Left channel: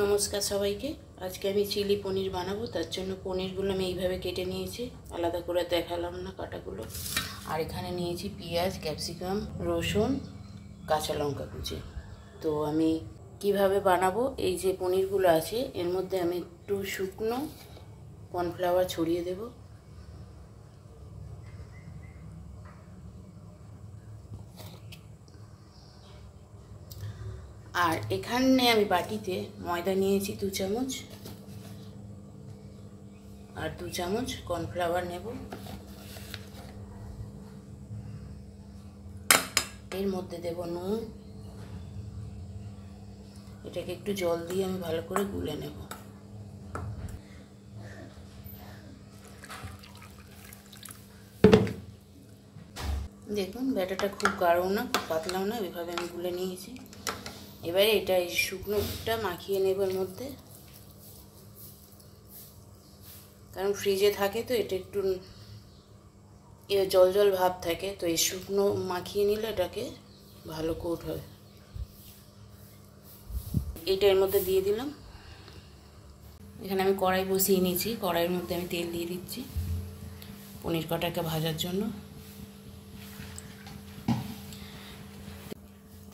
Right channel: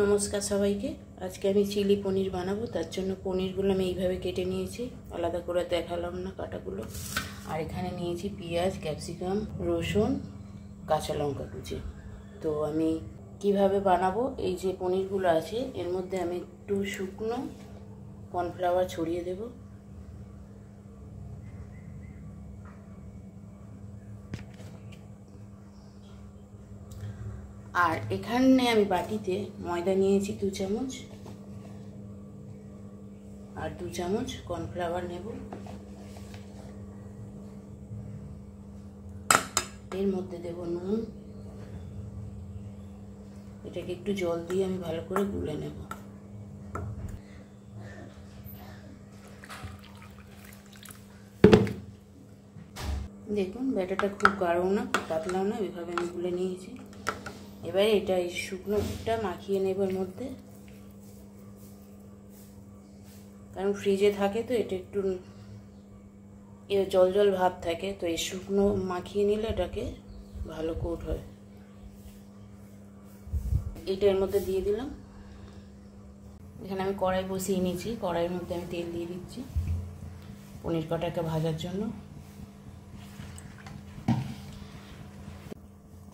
নমস্কার সবাইকে। আজকে আমি চিলি পনির বানাবো। তার জন্য পনিরগুলো আমি এইভাবে কেটে নিয়েছি, আলাদা করে দেখালাম না কাটাগুলো। আর এখানে নিয়েছি পেঁয়াজ, ক্যাপসিকাম, রসুন, কাঁচা লঙ্কা কুচি। তো আমি কিভাবে বানাবো, এই যে পনিরগুলো আছে এর মধ্যে আমি একটু শুকনো কর্নফ্লাওয়ার ছড়িয়ে দেব। আর এখানে আমি বাটিতে ময়দা নিয়েছি 2 চামচ, আর 2 চামচ কর্নফ্লাওয়ার নেব। এর মধ্যে দেব নুন। এটাকে একটু জল দিয়ে আমি ভালো করে গুলে নেব। দেখুন ব্যাটারটা খুব গাঢ়ও না, খুব পাতলাও না, এভাবে আমি গুলে নিয়েছি। এবারে এটা এই শুকনোটা মাখিয়ে নেব এর মধ্যে, কারণ ফ্রিজে থাকে তো এটা একটু জল জল ভাব থাকে, তো এই শুকনো মাখিয়ে নিলে এটাকে ভালো কোট হয়। এটা এর মধ্যে দিয়ে দিলাম। এখানে আমি কড়াই বসিয়ে নিয়েছি, কড়াইয়ের মধ্যে আমি তেল দিয়ে দিচ্ছি পনির কটাকে ভাজার জন্য।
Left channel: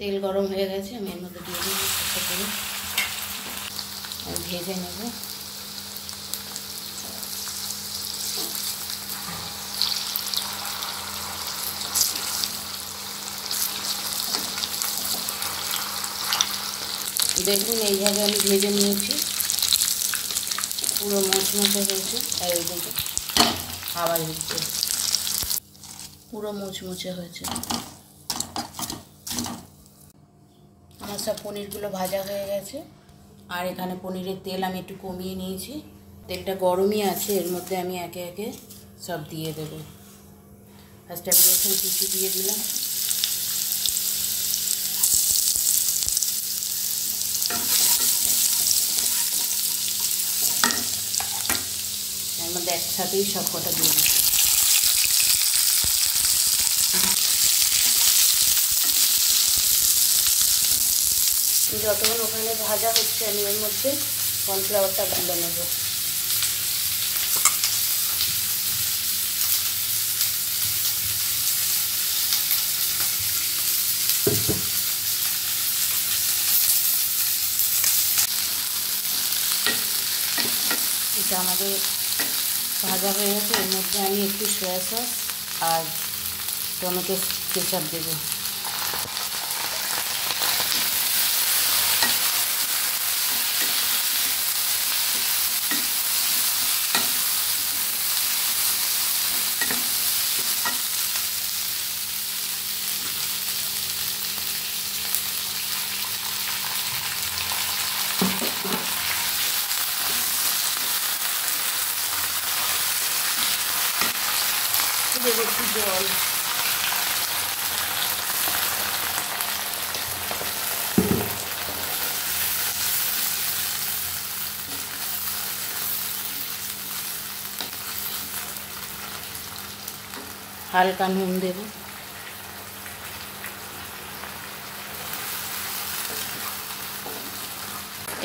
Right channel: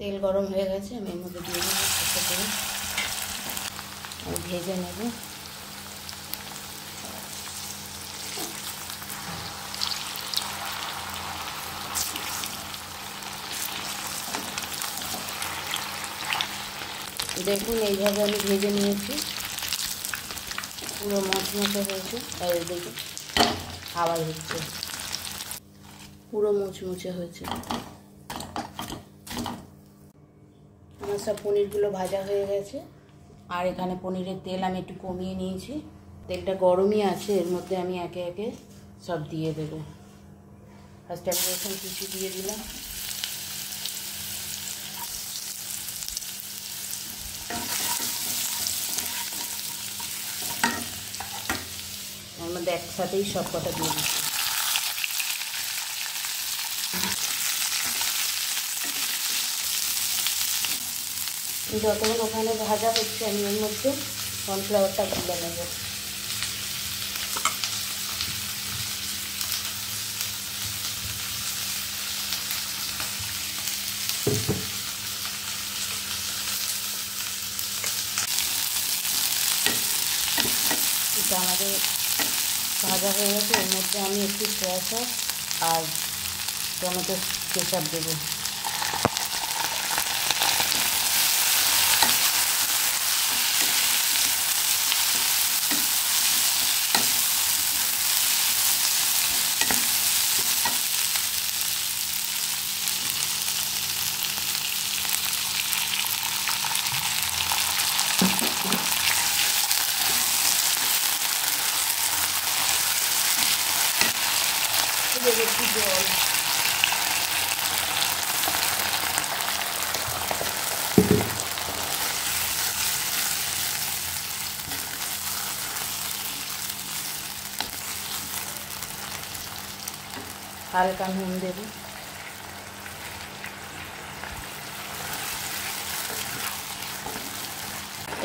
তেল গরম হয়ে গেছে, আমি এর মধ্যে দিয়ে দেবো চেষ্টা করে আমি ভেজে নেব। দেখুন এইভাবে আমি ভেজে নিয়েছি, পুরো মচমচে হয়েছে। আর এদিকে আওয়াজ হচ্ছে, পুরো মুচমুচে হয়েছে। আমার সব পনিরগুলো ভাজা হয়ে গেছে। আর এখানে পনিরের তেল আমি একটু কমিয়ে নিয়েছি, তেলটা গরমই আছে। এর মধ্যে আমি একে একে সব দিয়ে দেব। ফার্স্টে আমি রসুন কুচি দিয়ে দিলাম, এর মধ্যে একসাথেই সব কটা দিয়ে দিচ্ছি। যতক্ষণ ওখানে ভাজা হচ্ছে আমি এর মধ্যে কর্নফ্লাওয়ারটা গুলে নেব। এটা আমাদের ভাজা হয়ে গেছে। এর মধ্যে আমি একটু সয়া সস আর টমেটো কেচাপ দেবো। দেবো একটু জল। হালকা নুন দেব।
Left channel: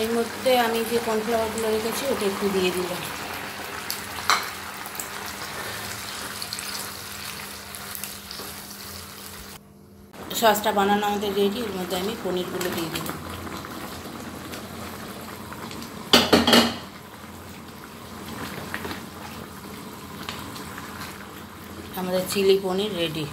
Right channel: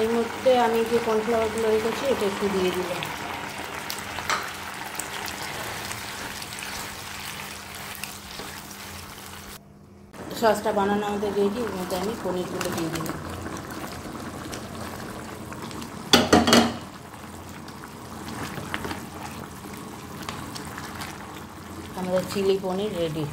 এর মধ্যে আমি যে কর্নফ্লাওয়ারগুলো রেখেছি এটা একটু দিয়ে দিলাম। সসটা বানানো আমাদের রেডি। এর মধ্যে আমি পনিরগুলো দিয়ে দিলাম। আমাদের চিলি পনির রেডি।